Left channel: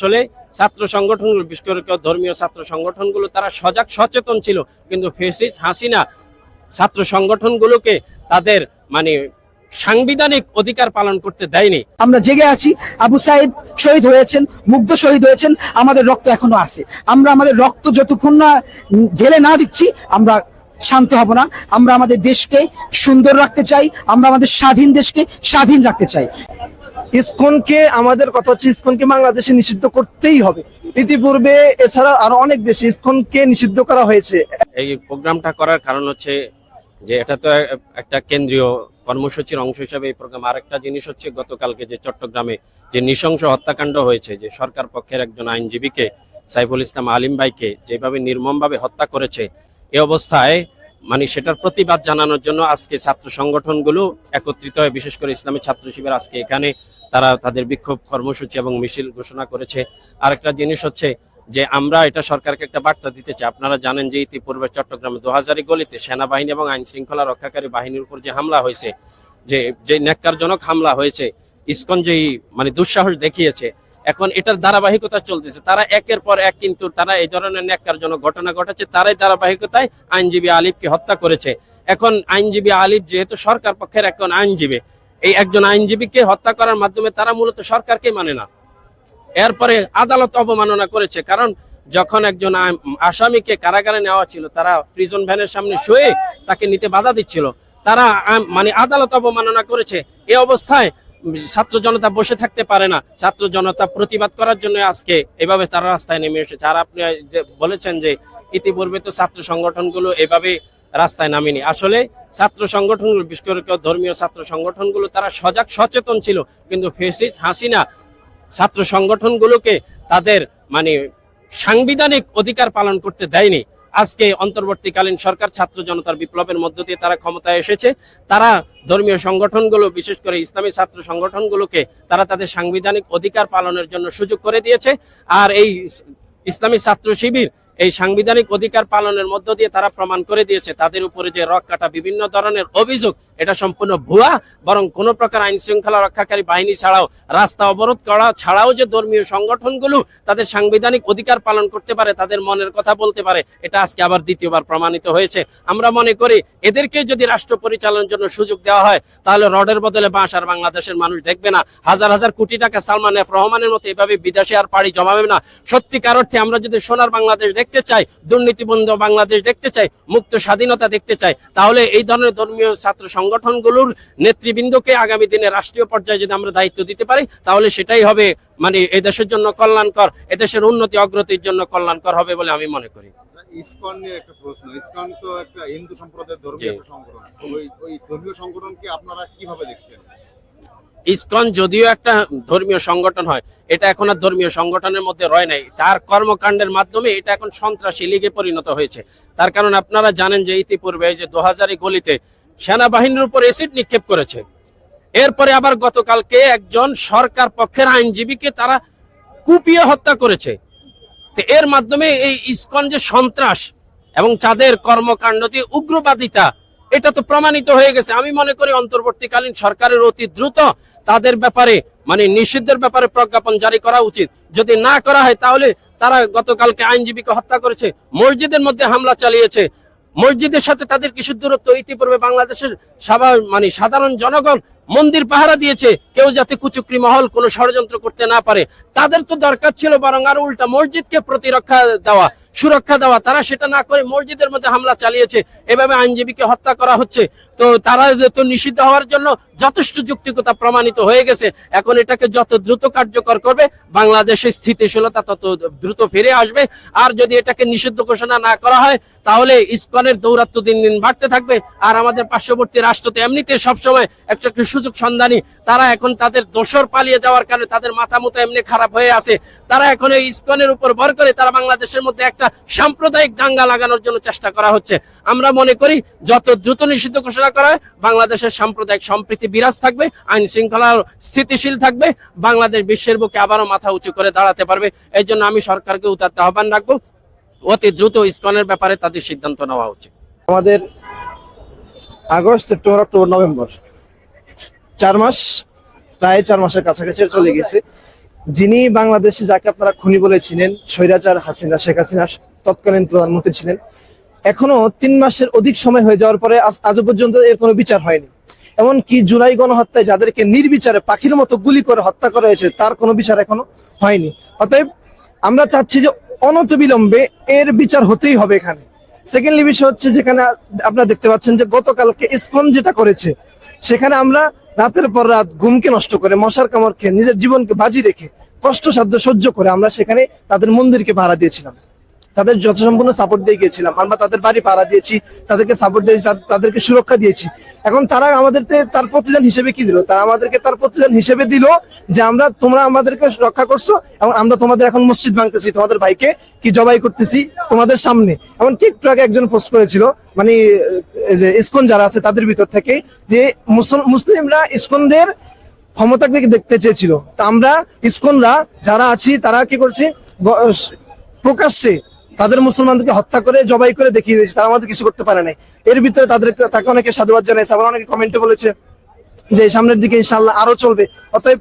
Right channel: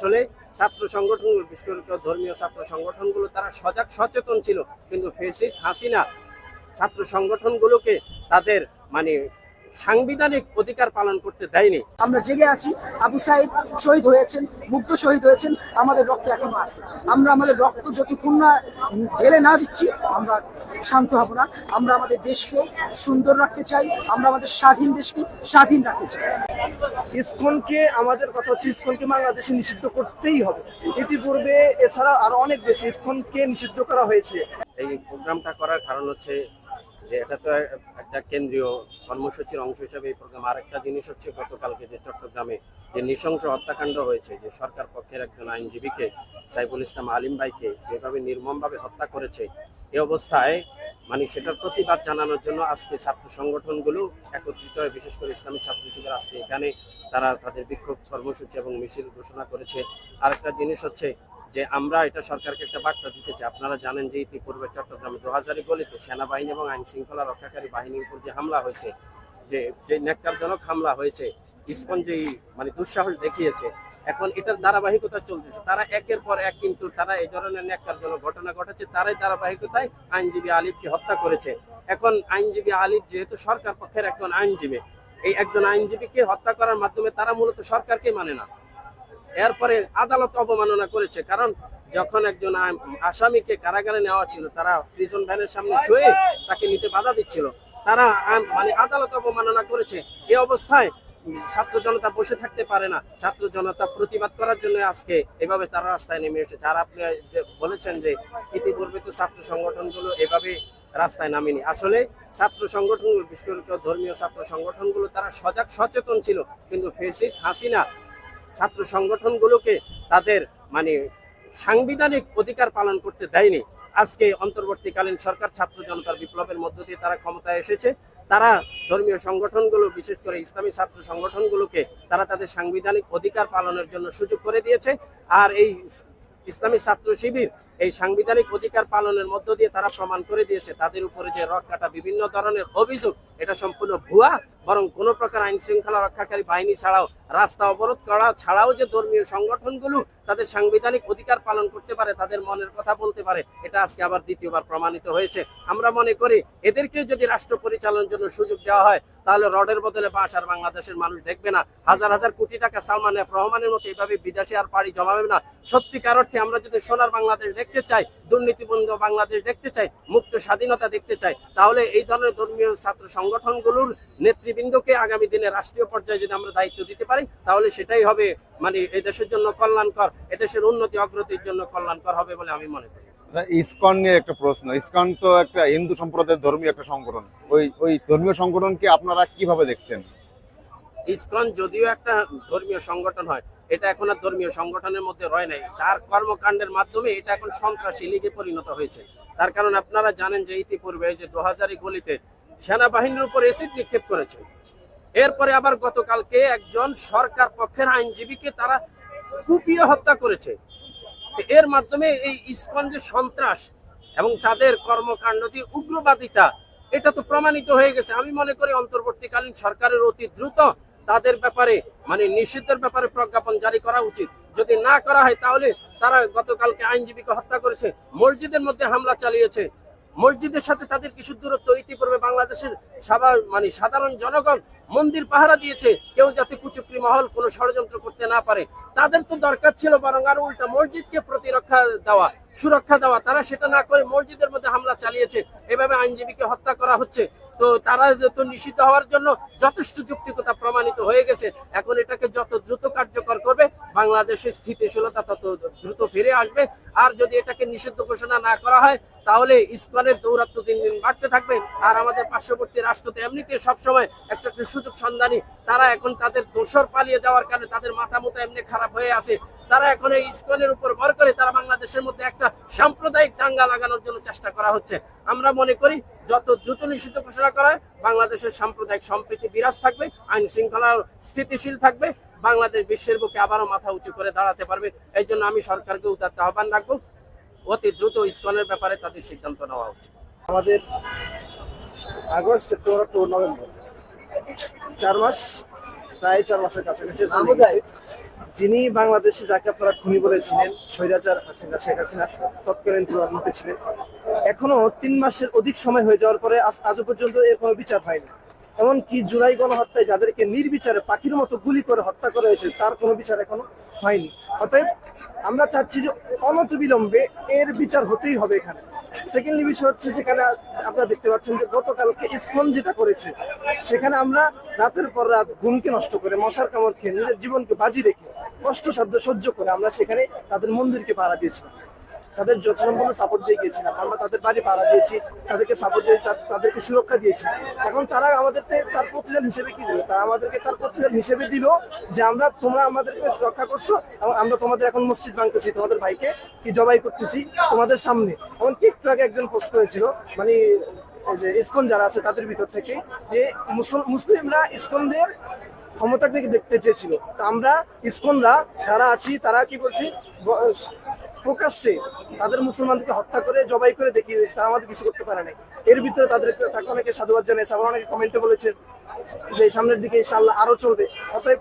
আসলে ছাত্র সংগঠনগুলো, বিশেষ করে ধর্মীয় ছাত্র সংগঠনগুলো তারা সজাগ সচেতন ছিল, কিন্তু ফ্যাসিস্ট হাসিনা ছাত্র সংগঠনগুলোকে তাদের মানে সাংবিধানিক অধিকার পালন করতে দেয়নি। আমরা জেগে আছি। আবু সাইদ শহীদ হয়েছেন, মুগ্ধ শহীদ হয়েছেন, আমাদের রক্ত এখনো আছে। আমরা আমাদের রক্ত যতক্ষণ না ঢেলে না দিচ্ছি আমরা শান্ত হব না। আমরা আমাদের দেশকে সুন্দর রাখতে চাই, আমরা আমাদের স্বাধীন দেশকে স্বাধীন রাখতে চাই। ইসকনকে আমাদের কথা হচ্ছে ইসকনকে বাংলাদেশে নিষিদ্ধ করতেই হবে। ইতিপূর্বে এছাড়া আরো অনেক দেশে ইসকনকে নিষিদ্ধ করা হয়েছে। এই প্রোগ্রামটা করার কারণ হচ্ছে যে এটা তো একটা কেন্দ্রীয় কর্মসূচির অংশ হিসাবে এই প্রোগ্রাম। আরেকটা জিনিস হচ্ছে গতকালকে যে চট্টগ্রামে যে নৃশংস হত্যাকাণ্ড হয়েছে, যে সরকার পক্ষের একজন আইনজীবীকে সাইফুল ইসলাম আলিম ভাইকে যেভাবে নির্মমভাবে হত্যা করেছে, এই অবস্থায় সেটার প্রতিবাদ জানানোর জন্য আজকে ছাত্র সংগঠনগুলো একত্রিত হয়ে, বিশেষ করে ইসলামী ছাত্র শিবির আজকে এখানে তারা তাদের বিক্ষোভ কর্মসূচি এবং মিছিল ঘোষণা করেছে। আরেকটা জিনিস হচ্ছে যে আমরা এটা সরকারকে একটা বার্তা দিতে চাই। আপনারা জানেন যে ইতিপূর্বে চট্টগ্রামে ২০০০ গলিতে সেনাবাহিনী এবং আইন শৃঙ্খলা রক্ষাকারী বাহিনীর উপর যে হামলা হয়েছে, যে ন্যাক্কারজনক হামলা হয়েছে, ইসকন যেই দুঃসাহস দেখিয়েছে, এখন এটার ধারাবাহিকতা চলতেছে। তারা একের পর এক কিন্তু তারা এই ধরনের ন্যাক্কারজনক ঘটনা ঘটাচ্ছে, তারাই ধারাবাহিকতায় আইনজীবী আলিফকে হত্যা করেছে। এখন আইনজীবী আলিফ যেহেতু সরকার পক্ষের একজন আইনজীবী, এই একজন আইনজীবীকে হত্যা করার মাধ্যমে তারা মূলত সরকারকে মানে না। এরপরে আদালত অবমাননা করেছে, কারণ যখন একজন আসামিকে কারাগারে নেওয়া ছিল, তারা প্রিজন ভ্যানের সামনে শুয়ে তাকে নিতে বাধা দিচ্ছিল, তারা আদালত অবমাননা করেছে। এই অবস্থায় ছাত্র জনতা বসে থাকতে পারে না। ছাত্র জনতা প্রতিবাদ করার জন্য আজকে এভাবে তারা রাস্তায় নেমে এসেছে। আর আপনি বলেছেন যে ইতিপূর্বে তো ছাত্র সংগঠনগুলো এভাবে রাস্তায় নামেনি। আসলে ছাত্র সংগঠনগুলো, বিশেষ করে ধর্মীয় ছাত্র সংগঠনগুলো তারা সজাগ সচেতন ছিল, কিন্তু ফ্যাসিস্ট হাসিনা ছাত্র সংগঠনগুলোকে তাদের সাংবিধানিক অধিকার পালন করতে দেয়নি। আজকে অন্তর্বর্তীকালীন সরকার ছাত্র জনতার বিপ্লবের মধ্য দিয়ে তারা ক্ষমতায় এসেছে। তারা ধর্মীয় সংগঠনগুলো, বিশেষ করে ইসলামী ছাত্র সংগঠনগুলোকে তারা তাদের সাংবিধানিক অধিকার পালনের জন্য সুযোগ করে দিয়েছে। আর এই ইসলামী ছাত্র শিবির এই সাংবিধানিক অধিকার পালনের মধ্য দিয়ে তারা প্রমাণ করে দিয়েছে তাদের উপরে যে রক্ষাটা বিভিন্ন ধরনের অভিযোগ, এটা সম্পূর্ণ ভুয়া। বরং কোনো প্রকার আইন শৃঙ্খলা রক্ষাকারী বাহিনী ছাড়াও, রাস্তা অবরোধ করা ছাড়াও যে ধর্মীয় সংগঠনগুলো তাদের সাংবিধানিক অধিকার পালন করতে পারে, তাদের মনের কথা বলতে পারে, এটা আজকে আবার দ্বিতীয়বার প্রমাণিত হয়েছে। আমরা মনে করি এদেরকে যদি রাষ্ট্র পরিচালনার জন্য সুযোগ দেওয়া হয়, তাহলে রডের বদলে বাঁশ আর বাংলাদেশের মানুষ দেখবে না। হাজার হাজার কোটি টাকা সালমান এফ রহমানের মতো এভাবে বিদেশে আর পাড়ি জমাবে না। সত্যিকার অর্থে আমরা যদি সোনার বাংলাদেশ দেখতে চাই, দুর্নীতিবন্ধ বাংলাদেশ দেখতে চাই, মুক্ত স্বাধীনতা দেখতে চাই, তাহলে এই ধরনের ধর্মীয় ছাত্র সংগঠনগুলোর নেতৃবৃন্দকে আগামী দিনে রাষ্ট্রীয় পর্যায়ে যদি আমরা দায়িত্ব দিতে পারি, তাহলে সেটাই হবে এই দেশের জন্য কল্যাণকর, এদেশের উন্নতি অগ্রতির জন্য কল্যাণকর হবে বলে আমি মনে করি। ইসকন নিয়ে একটা প্রশ্ন। ইসকন তো একটা হিন্দু সম্প্রদায়ের ধর্মীয় একটা সংগঠন। ওই ধর্মীয় সংগঠনকে আপনারা কিভাবে দেখছেন? ইসকন যদিও একটা ধর্মীয় সংগঠন হয়, এটা এখন আর ধর্মীয় সংগঠনের মধ্যে রয় নাই। তার কর্মকাণ্ডের মাধ্যমে এটা এখন সন্ত্রাসী লীগে পরিণত হয়েছে। তার কারণ আপনারা জানেন যে ইতিপূর্বে যে ২০০০ গলিতে সেনাবাহিনীর উপর এসিড নিক্ষেপ করেছে। এরপরে আবার গতকালকে একজন সরকার পক্ষের আইনজীবীকে তারা কুপিয়ে হত্যা করেছে। এর মাধ্যমে এই ইসকন যে সন্ত্রাস এবং তাদের কর্মকাণ্ড যে উগ্রবাদিতা, এটা তো প্রমাণিত হয়ে গেছে। আমি মনে করি অন্তর্বর্তীকালীন সরকারের অতি দ্রুত তাদের ব্যাপারে নিষিদ্ধের ব্যাপারে প্রজ্ঞাপন জারি করা উচিত। যদি না করা হয়, তাহলে তারা গতকালকে আইনজীবীকে হত্যা করেছে, মসজিদের মধ্যে হামলা চালিয়েছে, মসজিদের সাথে তাদের কিছু দূরত্ব। ইতিপূর্বে বাংলাদেশের সাধারণ জনগণ মন্দির পাহারা দিয়েছে, কেউ যাতে কুচক্রি মহল কোনো ষড়যন্ত্র করতে না পারে। তাদের তো দরকার ছিল বরং আর উল্টা মসজিদকে প্রতিরক্ষা দেওয়া, সুরক্ষা দেওয়া। তারা সেটা না করে মসজিদের মধ্যে হামলা চালিয়েছে, এভাবে আইনজীবীকে হত্যা করা হচ্ছে। তো তারা তো নিষিদ্ধ হওয়ার জন্য যথেষ্ট যৌক্তিকতা প্রমাণিত হয়ে গেছে। এখন এটাকে যত দ্রুত কার্যকর করবে, বাংলাদেশের স্থিতিশীলতা তত দ্রুত ফিরে আসবে। আর যদি এটাকে নিষিদ্ধ ঘোষণা না করা হয়, তাহলে ইসকনের দৌরাত্ম্য দিন দিন বাড়তে থাকবে। আর আমাদের পার্শ্ববর্তী রাষ্ট্র তো এমনিতে সবসময় একটা সুযোগ সন্ধানী। তারা এখন তাদের দোসর পালিয়ে যাওয়ার কারণে তাদের মাথা মতো এমনি খারাপ হয়ে আছে। তারা এখন এই ইসকনের উপর ভর করে তারা বাংলাদেশের মধ্যে একটা সাম্প্রদায়িক দাঙ্গা লাগানোর জন্য চেষ্টা করা হচ্ছে। আমরা মনে করি যত দ্রুত নিষিদ্ধ ঘোষণা করা হয়, বাংলাদেশের সাম্প্রদায়িক সম্প্রীতি বিরাজ থাকবে, আইন শৃঙ্খলা স্থিতিশীল থাকবে, বাংলাদেশ বিশ্বের বুকে আবারও মাথা উঁচু করে দাঁড়াতে পারবে। এই জন্য আমি সরকারকে উদাত্ত আহ্বান রাখবো, অতি দ্রুত ইসকনের ব্যাপারে তাদের সিদ্ধান্ত নেওয়া উচিত। আমাদের আগস্ট, সেপ্টেম্বর, অক্টোবর, নভেম্বর 4 মাস, প্রায় 4 মাসের কাছাকাছি চলে গেছে। যিনি বাংলাদেশে যাকে আপনারা খুনি বলেছিলেন, স্বৈরাচার হাসিনা, শেখ হাসিনা তৎকালীন প্রধানমন্ত্রী ছিলেন, এখনো 3 মাসের অধিক সময় হয়ে যাওয়ার পরে আজও পর্যন্ত এর কোনো বিচার হয়নি। এমনকি জুলাই গণহত্যায় যাদেরকে নির্বিচারে পাখির মতো গুলি করে হত্যা করা হয়েছে তার কোনো বিচার এখনো হয়নি। অতএব আমরা চাচ্ছি যে অনতিবিলম্বে এর বিচার হতেই হবে এখানে। সেকেন্ডলি বিষয় হচ্ছে, যেখানে আপনারা দেখতে পাচ্ছেন যে গতকালকে ইসকন যেটা করেছে, সেখানে আমরা রাতের পর রাত ঘুমকে নষ্ট করে, মশার কামড় খেয়ে, নিজের জীবনকে বাজি রেখে, কষ্টসাধ্য সহ্য করে আমরা সেখানে তাদের মন্দিরকে ভাড়া দিয়েছিলাম, তাদের যথাসম্পূর্ণ সাপোর্ট দিয়ে গিয়েছিলাম। আমরা তাদের বাড়ি ভাড়া দিয়েছি, তাদেরকে সাপোর্ট দিয়েছি, তাদেরকে সুরক্ষা দিয়েছি। এখন তারা আমাদেরকে তার প্রতিদান হিসেবে কি দিল? তারা আমাদেরকে তার প্রতিদান হিসেবে দিল যে তোমরা আমাদেরকে রক্ষা করছো এবং আমরা তোমাদের এখন মসজিদ ভাঙতেছি, তোমাদের ভাইকে কি জবাই করতেছি তোমাদের সামনে। এমন কি একটু আগে একজন পোস্ট করেছিল, মানে যে ইসকন যারা আছে তাদের ভিতর থেকে, যে মুসলিমরা ইসকনদের ক্ষমতা থেকে দেখতে চেয়েছিল। তা আমরা ইসকনরা যারা আছি তারা কি করছি, প্রকাশ্যে তাদের মুসলমানদেরকে হত্যা করে জবাই করে দেখিয়ে দিয়েছে, তারা আমাদের কিছু করতে পারে নাই। এর ভিতরে তাকে অনেকে সাধুবাদ জানাইছে, আবার অনেকে কমেন্টে বলেছে যে সামনের দিকে ইনশাআল্লাহ আরো চলবে। অতএব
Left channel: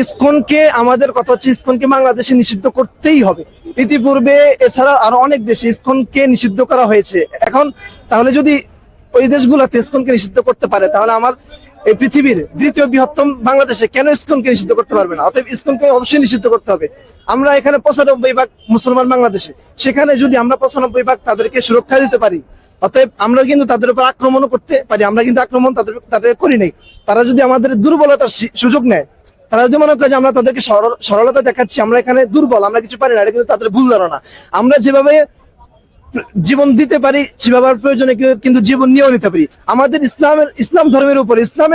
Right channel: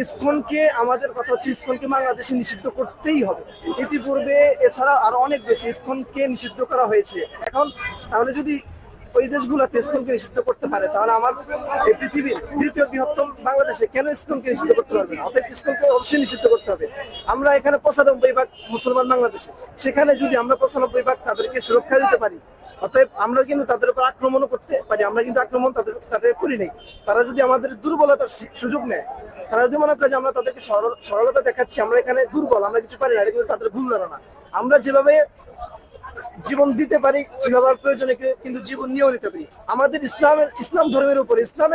ইসকনকে, আমাদের কথা হচ্ছে ইসকনকে বাংলাদেশে নিষিদ্ধ করতেই হবে। ইতিপূর্বে এছাড়া আরো অনেক দেশে ইসকনকে নিষিদ্ধ করা হয়েছে। এখন তাহলে যদি ওই দেশগুলোতে ইসকনকে নিষিদ্ধ করতে পারে, তাহলে আমার এই পৃথিবীর দ্বিতীয় বৃহত্তম বাংলাদেশে কেন ইসকনকে নিষিদ্ধ করতে পারবে না? অতএব ইসকনকে অবশ্যই নিষিদ্ধ করতে হবে। আমরা এখানে 95% মুসলমান বাংলাদেশে, সেখানে যদি আমরা 95% তাদেরকে সুরক্ষা দিতে পারি, অতএব আমরা কিন্তু তাদের উপর আক্রমণও করতে পারি। আমরা কিন্তু আক্রমণ তাদের করি নাই। তারা যদি আমাদের দুর্বলতার সুযোগ নেয়, তারা যদি মনে করে যে আমরা তাদেরকে সরলতা দেখাচ্ছি, আমরা এখানে দুর্বল, আমরা কিছু পারি না, এটা কিন্তু তাদের ভুল ধারণা। আমরা যেভাবে জীবন দিতে পারি সেভাবে প্রয়োজনে কিন্তু জীবন নিয়েও নিতে পারি। আমাদের ইসলাম ধর্মের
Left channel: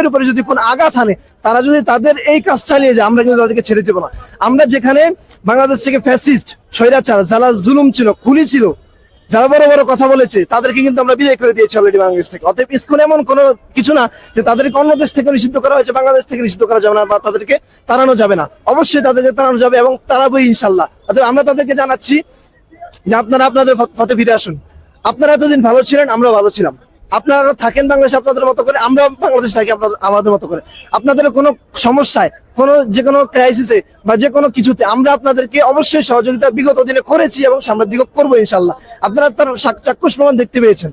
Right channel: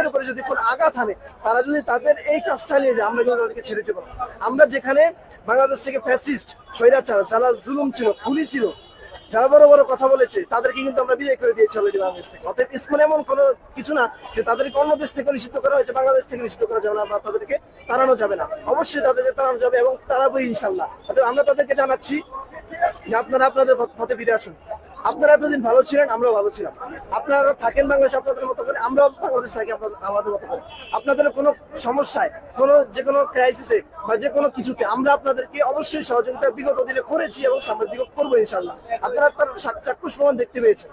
উপরে যদি কোন আঘাত আনে, তারা যদি তাদের এই কাজ চালিয়ে যায়, আমরা কিন্তু তাদেরকে ছেড়ে দেবো না। আমরা যেখানে বাংলাদেশ থেকে ফ্যাসিস্ট, স্বৈরাচার, যারা জুলুম ছিল, খুনি ছিল, যারা বড় বড় কথা বলেছে, তাদেরকে কিন্তু আমরা বিদায় করে দিয়েছি অলরেডি বাংলাদেশ থেকে। অতএব ইসকন এমন কোনো কিছু না যে তাদেরকে অন্য দেশ থেকে নিষিদ্ধ করা হয়েছে, বাংলাদেশ থেকে নিষিদ্ধ করা যাবে না বা তাদেরকে তাড়ানো যাবে না। অবশ্যই তাদেরকে তাড়ানো যাবে এবং তাড়াবোই ইনশাল্লাহ। অতএব আমরা তাদেরকে জানাচ্ছি যে আপনারা আপনাদের পথে ফিরে আসুন। আপনারা এতদিন ভালো ছিলেন, আমরাও ভালো ছিলাম। আপনারা থাকেন বাংলাদেশে আপনাদের মতো করে, আমরা বাংলাদেশ থাকি আমাদের মতো করে। আপনাদের কোনো সমস্যায়, যে কোনো ক্রাইসিসে বা যে কোনো কিছুতে আমরা আপনাদেরকে অবশ্যই সহযোগিতা বিগত দিনে করেছি এবং সামনের দিকে করবো ইনশাল্লাহ। আপনারা তার চাক্ষুষ প্রমাণ দেখতে পেয়েছেন।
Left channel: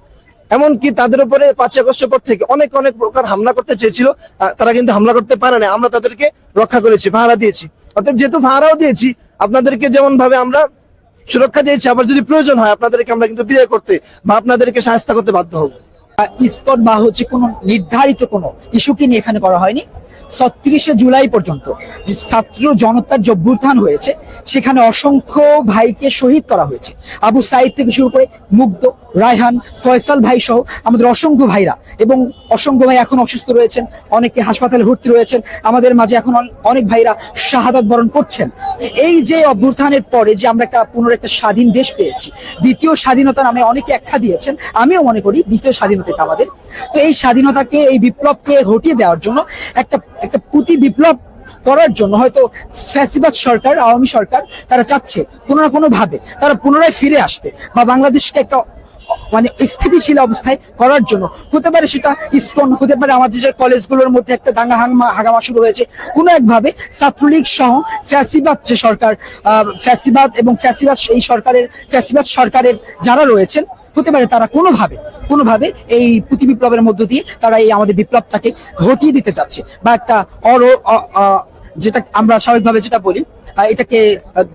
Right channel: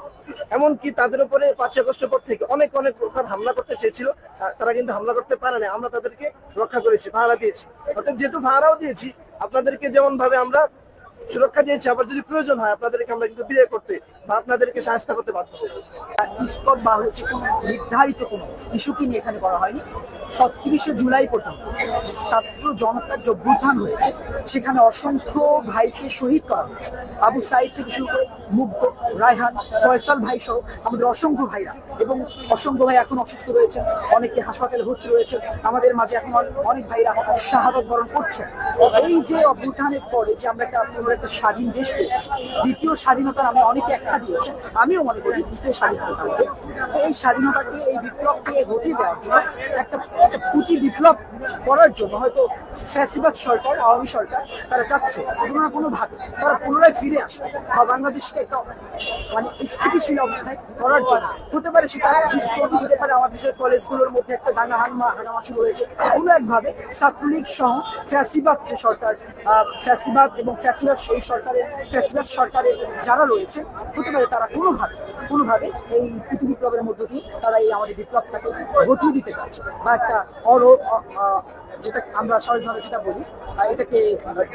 এমনকি তাদের উপরে 5 আগস্টের পর থেকে অনেক প্রকার হামলা করতে চেয়েছিল, তারা কিন্তু হামলা করতে পারে না। আমরা তাদেরকে রক্ষা করেছি, পাহারা দিয়েছি। অতএব যেহেতু পাহারাও দিয়েছি, আপনাদেরকে যেমন ভাবে আমরা সুরক্ষা দিয়েছি, আবার যদি প্রয়োজন হয় আপনাদেরকে আমরা কিন্তু বিদায় করতে বা আপনাদেরকে সাহায্য করতে বাধ্য হব। ইসকন বা হচ্ছে কোনো নির্ধারিত কোনো ইস্যুকে নিয়ে এখানে করা হয়নি। 36শে জুলাই পর্যন্ত যে ছাত্র জনতার যে অভ্যুত্থান হয়েছে, সেখানে অসংখ্য ভাইকে শহীদ করা হয়েছে। আবু সাইদ থেকে শুরু করে মুগ্ধ, রায়হান, ফয়সাল ভাই সহ আমাদের অসংখ্য ভাইরা, এবং অসংখ্য ভাই এখন অসুস্থ রয়েছেন, অনেকে হাসপাতালে ভর্তি রয়েছেন। আমাদের মাঝে এখন অনেক ভাইরা শাহাদাত বরণ করছেন। এই যে অভ্যুত্থানের পরে যে আমরা পুনর একটা স্বাধীন দেশ পেয়েছি, দ্বিতীয় স্বাধীনতা নামে অনেকে আখ্যা দিয়েছেন, আমিও মনে করি দ্বিতীয় স্বাধীনতা আমাদের। তো এই স্বাধীনতাকে, এই বিপ্লবকে হটিয়ে দেওয়ার জন্য একটা প্রতি বিপ্লব করার জন্য হয়তো ফ্যাসিবাদ সরকার, আওয়ামী সরকার, তারা চাচ্ছে কোনো না কোনো ভাবে তারা পুনরায় ফিরে আসতে বা বাংলাদেশকে একটা মানে স্থিতিশীল অবস্থায় করার জন্য। হতে পারে সেটা ইসকন, হতে পারে আমাদের যে কলেজগুলোর মধ্যে একটা দাঙ্গা হাঙ্গামা শুরু হয়েছে, কোনো একভাবে ছাত্রলীগ সহ ফ্যাসিবাদ যে সরকার, ফ্যাসিবাদ এবং ফ্যাসিবাদ সরকারের যারা রয়েছেন, হতে পারে তারা কোনোভাবে এই প্রতি বিপ্লবের মধ্য দিয়ে তারা এই আমাদের বিপ্লবটাকে ঘটিয়ে দিতে চাচ্ছে বা একটা যেটা আমরা স্বাভাবিকভাবে যেটা বলি, এটাকে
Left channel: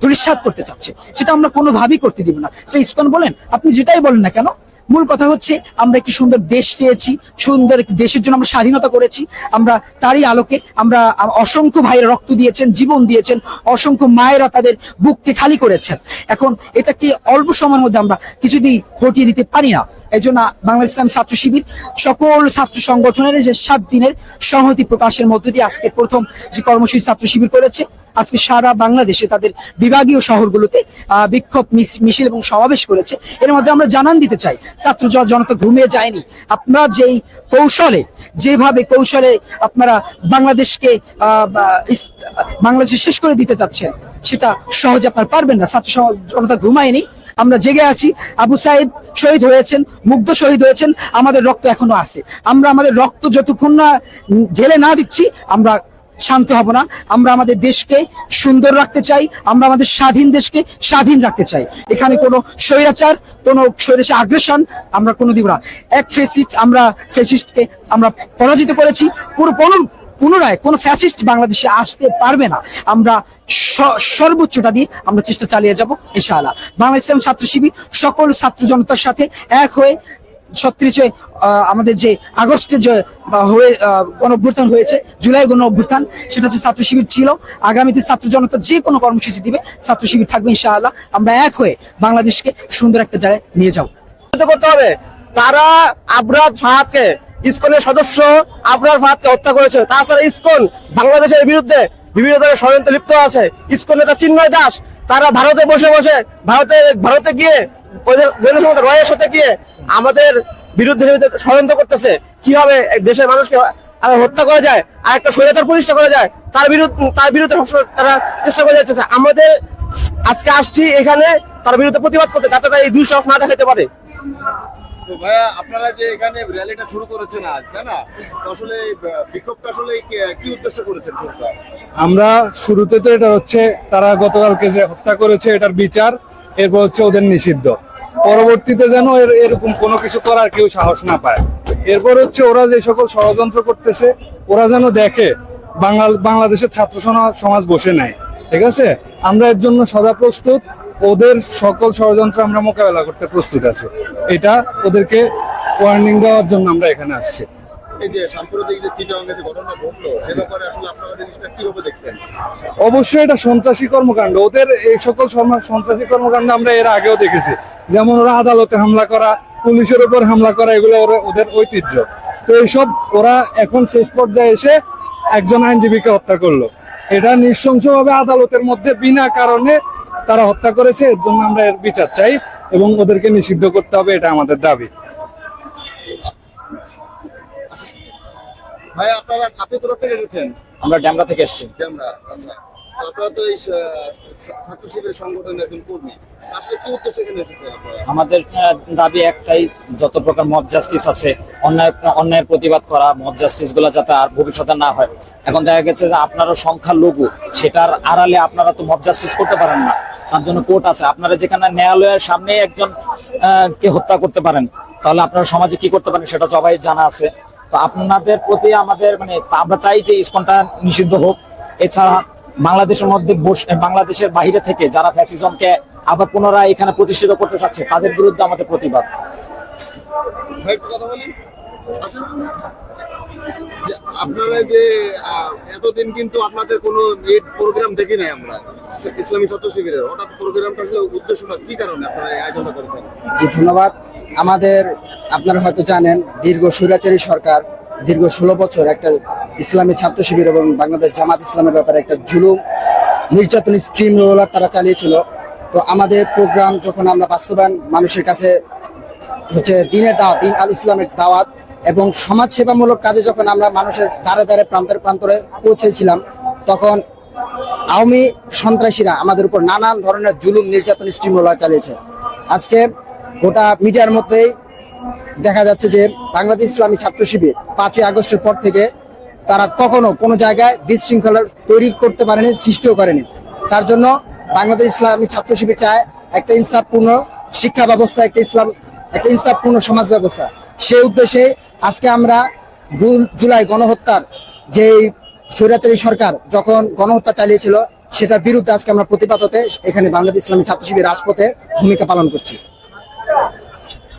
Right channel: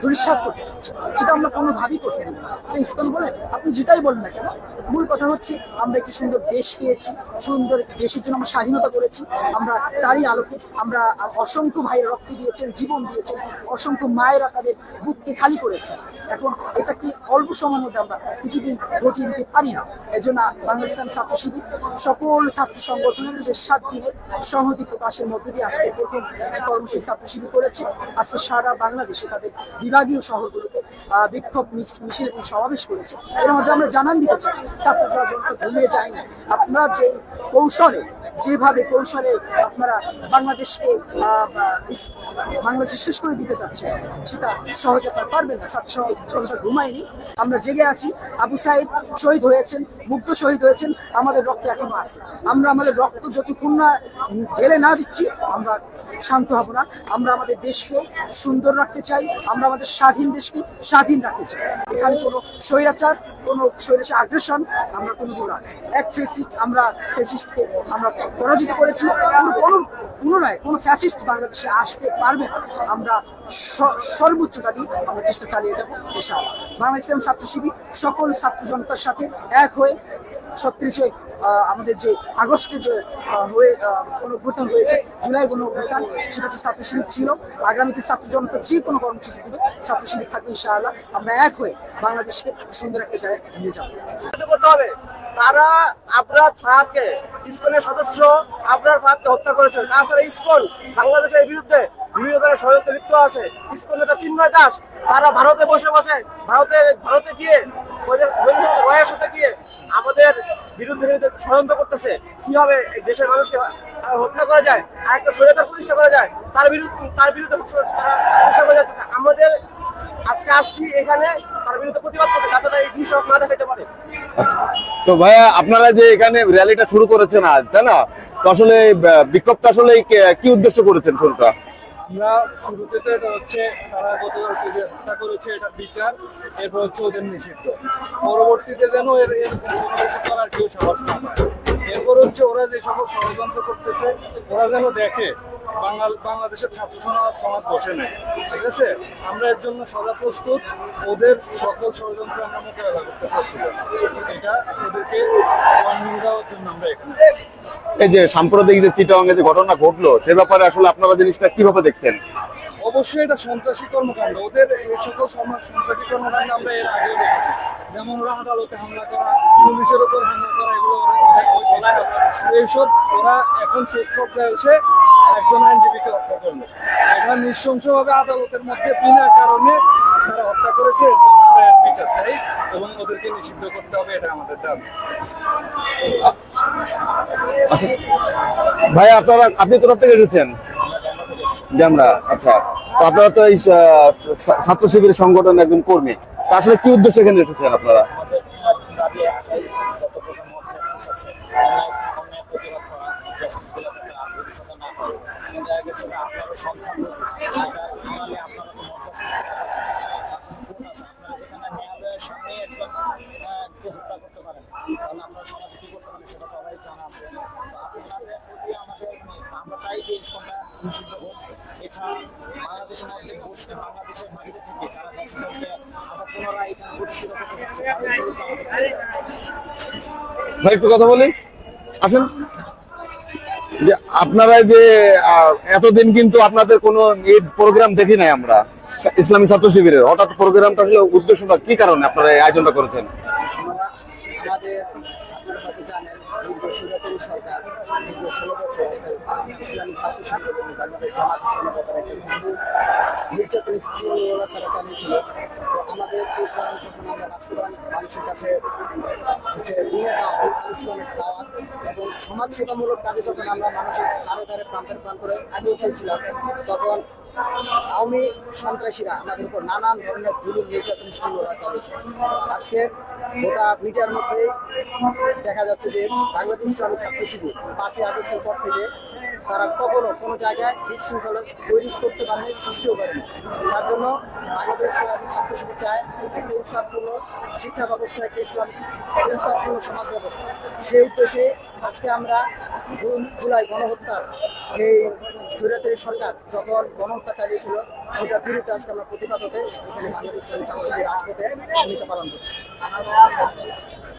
দুরিশ্বাত করতে চাচ্ছে। সেটা আমরা কোনোভাবেই করতে দিব না। সে ইসকন বলেন, আপনি যেটাই বলেন না কেন, মূল কথা হচ্ছে আমরা একটি সুন্দর দেশ চেয়েছি, সুন্দর একটি দেশের জন্য আমরা স্বাধীনতা করেছি। আমরা তারই আলোকে আমরা অসংখ্য ভাইয়েরা রক্ত দিয়েছেন, জীবন দিয়েছেন, অসংখ্য মায়েরা তাদের বুককে খালি করেছেন। এখন এটাকে অল্প সময়ের মধ্যে আমরা কিছুদিন ঘটিয়ে দিতে পারি না। এই জন্য বাংলাদেশ ইসলামী ছাত্র শিবির সকল ছাত্র সংগঠনের যে 7 দিনের সংহতি প্রকাশের মধ্য দিয়ে আজকে প্রথম যে কর্মসূচি ছাত্র শিবির করেছে, আজকে সারা বাংলাদেশে তাদের বিভাগীয় শহরগুলোতে বিক্ষোভ মিছিল এবং সমাবেশ করেছে। এর মধ্যে আমরা জানান দিতে চাই, ছাত্র জনতা ঘুমিয়ে যায়নি। আপনারা যেভাবে কৌশলে আপনারা বাংলাদেশকে বাংলাদেশে শেষ করে দিতে চাচ্ছেন, সেটা সহজে আপনারা পারবেন না। ছাত্র জনতা ঘুমায়নি, আমরা জেগে আছি। আবু সাইদ শহীদ হয়েছেন, মুগ্ধ শহীদ হয়েছেন, আমাদের রক্ত এখনো আছে। আমরা আমাদের রক্ত যতক্ষণ না ঢেলে না দিচ্ছি, আমরা শান্ত হব না। আমরা আমাদের দেশকে সুন্দর রাখতে চাই, আমরা আমাদের স্বাধীন দেশকে স্বাধীন রাখতে চাই। এখানে কোনো স্বৈরাচার, কোনো স্বৈরাচার আগ্রাসন আমরা কোনো দিব না। এক ফেসিস্ট, আমরা ফেসিস্টকে আমরা পরাজিত করেছি। পুনরায় কোনো ফ্যাসিস্ট বাংলাদেশে আসতে পারবে না। আমরা সর্বোচ্চটা দিয়ে আমরা চেষ্টা চালিয়ে যাব ইনশাআল্লাহ। বাংলাদেশ ইসলামী ছাত্র শিবির সকল ছাত্র জনতার সাথে এক হয়ে 36 আমাদের যে আগস্টে যে গণঅভ্যুত্থান হয়েছে, জুলাই গণঅভ্যুত্থান, সেটা হচ্ছে ছাত্র শিবির ছিল। আগামীতে ছাত্র জনতা যে কোনো কর্মসূচি দিবে ছাত্র শিবির থাকবে ইনশাআল্লাহ। আমরা এক হয়ে বাংলাদেশকে সুন্দর একটা জায়গায় নিয়ে যাব। করতে হবে। তারা আবরার ফাহাদকে, ইসকনের সদস্য আবরার ফাহাদকে হত্যা করেছে। তাছাড়া ইসকন বাংলাদেশের বিরুদ্ধে বিভিন্ন ধরনের ষড়যন্ত্র লিপ্ত আছে। ইসকন নেতা চিন্ময় দাস তারা ভারতে বসে ভারতে গিয়ে ওদের রয়ের সাথে গিয়ে আমাদের বিরুদ্ধে ষড়যন্ত্র করতেছে। কিভাবে দেশের মানুষকে হত্যা করা যায় আর একটা স্বৈরাচার প্রতিষ্ঠা করা যায়, তার বিরুদ্ধে তারা চেষ্টা করে যাচ্ছে। আমাদের আজকে আসছি এখানে তার বিরুদ্ধে প্রতিবাদ করতে, যাতে তারা এই দুঃসাহস না দেখাতে পারে। তো ভাইয়া, আপনারা যে এখানে র্যালিটা শুরু করেছেন আজ, তাই না? তো আসলে বিক্ষোভটা আসলে কি উদ্দেশ্য করেছেন শুরুটা? আমরা শুরুতে তো এটা হচ্ছে তারা গতকালকে যে হত্যা করেছে এটার বিচার, এরপর হচ্ছে ওদের নিষিদ্ধ, পরবর্তীতে যেন এরকম কোনো কিছু করার কেউ সাহস না পায়। এরপর হচ্ছে ওরা যে সকল ষড়যন্ত্র করতেছে ওরা যেন দেখে বাংলাদেশের ছাত্র সমাজ বসে নাই, ঠিক আছে? আমরা এর জন্য সদা প্রস্তুত, ওদের সকল ষড়যন্ত্র আমরা মোকাবেলা করতে প্রস্তুত আছি। এটা ওদেরকে ওয়ার্নিং দেওয়ার জন্য আমরা এখানে আসছি। এই যে সাম্প্রদায়িক যে চিটাগাং যে ঘটনা ঘটলো, সে ব্যাপারে আসলে আপনারা জিনিসটা কিভাবে দেখছেন? অবশ্যই এটা সন্ত্রাসী কর্মকাণ্ড। ওদের এই সকল সন্ত্রাসী কর্মকাণ্ড আমরা এর আগেও দেখেছি, যেমন ওরা আদালতে হামলা করা, পুলিশের উপর হামলা করা, এগুলো ওদের ঐতিহ্য। তো এইসব ওরা এখন শেষ পর্যায়ে এসে একজন আইনজীবীকে হত্যা করলো। এটা নৃশংসভাবে আদালতের মধ্যে বিনা কারণে তারা হত্যা করেছে। এর জন্য আমরা এর বিচার চাই এবং ওদেরকে নিষিদ্ধ করতে হবে, এটা আমাদের দাবি। আচ্ছা ভাই, আপনি কোথা থেকে এসেছেন? আমরা ড্যামরা থেকে এসেছি। ড্যামরা, আচ্ছা। তো আপনারা তো এই ছাত্র শিবিরের সংগঠনের একজন কর্মী, তা আসলে কি উদ্দেশ্যে এখানে এসেছেন আপনারা? আমাদের দাবি একটাই, যত প্রকার মব জাস্টিস আছে, অন্যায়ের প্রতিবাদ করা, মব জাস্টিস গুলা যাতে আর ভবিষ্যতে না হয়। এখন দেখা গেছে যে আপনারও সংখ্যালঘু, সেটার আড়ালে আপনারা তো মব জাস্টিস করতে পারেন না, তার জন্য কোর্ট আছে। আপনারা যেখানে ন্যায়ালয়ের সামনে একজন কে হত্যা করতে পারেন, তাহলে আপনারা সমাজে কি করতে পারেন সেটা সবাই জানা আছে। তো আপনাদের প্রতি আমাদের আমরা চাই যে ইসকনটা নিষিদ্ধ হোক। এছাড়া বাংলাদেশের মধ্যে বাংলাদেশের বাইরে থেকে যারা ফ্যাসিজমকে আবার পুনরায় এখানে প্রতিষ্ঠিত করতে চাচ্ছে, তাদের বিরুদ্ধে আমাদের প্রতিবাদ। ভাই একটু কথা বলি, আসেন। যে আপনারা যে এতদিন কিন্তু আপনাদের কোনো প্রোগ্রাম দেখি নাই আমরা ইসলামী ছাত্র শিবিরের, হঠাৎ প্রোগ্রামটা আসলে উদ্দেশ্যটা কি কারণে আপনারা এই আয়োজনটা করেছেন? জি ধন্যবাদ। আপনারা হয়তো জানেন, দীর্ঘ স্বৈরাচারী সরকার দীর্ঘ 16 বছর একটা ইসলামী ছাত্র শিবির এবং বাংলাদেশ জামাত ইসলামের ব্যাপারে একটা জুলুম নির্যাতন স্ট্রিম রোলার তারা চালিয়েছিল। তো আমাদের প্রোগ্রাম যখন আমরা বাস্তবায়ন মানুষের কাছে হচ্ছে দিনের দাওয়াত, দিন আল ইসলামের দাওয়াত এবং সমাজ সেবামূলক কাজে যখন আমরা মানুষের দ্বারে দ্বারে প্রান্তরে পৌঁছেছিলাম, তখন আওয়ামী সন্ত্রাসীরা আমাদের উপর নানান ধরনের জুলুম নির্যাতন স্ট্রিম রোলার চালিয়েছে। আজকে গোটা মিডিয়ার মধ্যেই দেখা যাচ্ছে যে বাংলাদেশ ইসলামী ছাত্র শিবির 5ই আগস্টের পর থেকে তারা কখনো কোনো জায়গায় বিশৃঙ্খলা তৈরি করতে পারেনি, সৃষ্টিও করেনি। তার জন্য বাংলাদেশ ইসলামী ছাত্র শিবির চায় একটা ইনসাফপূর্ণ শিক্ষা ব্যবস্থা, একটা ইনসাফপূর্ণ সমাজ ব্যবস্থা। সেই উদ্দেশ্যে আজকে আমরা জুলাই গণহত্যার যে স্বৈরাচারী সরকার যখন গণহত্যা চালিয়েছিল, সেটার বিরুদ্ধে আজকে আমরা প্রতিবাদ হতে এখানে বাংলাদেশ ইসলামী ছাত্র শিবির রাজপথে ভূমিকা পালন করছি।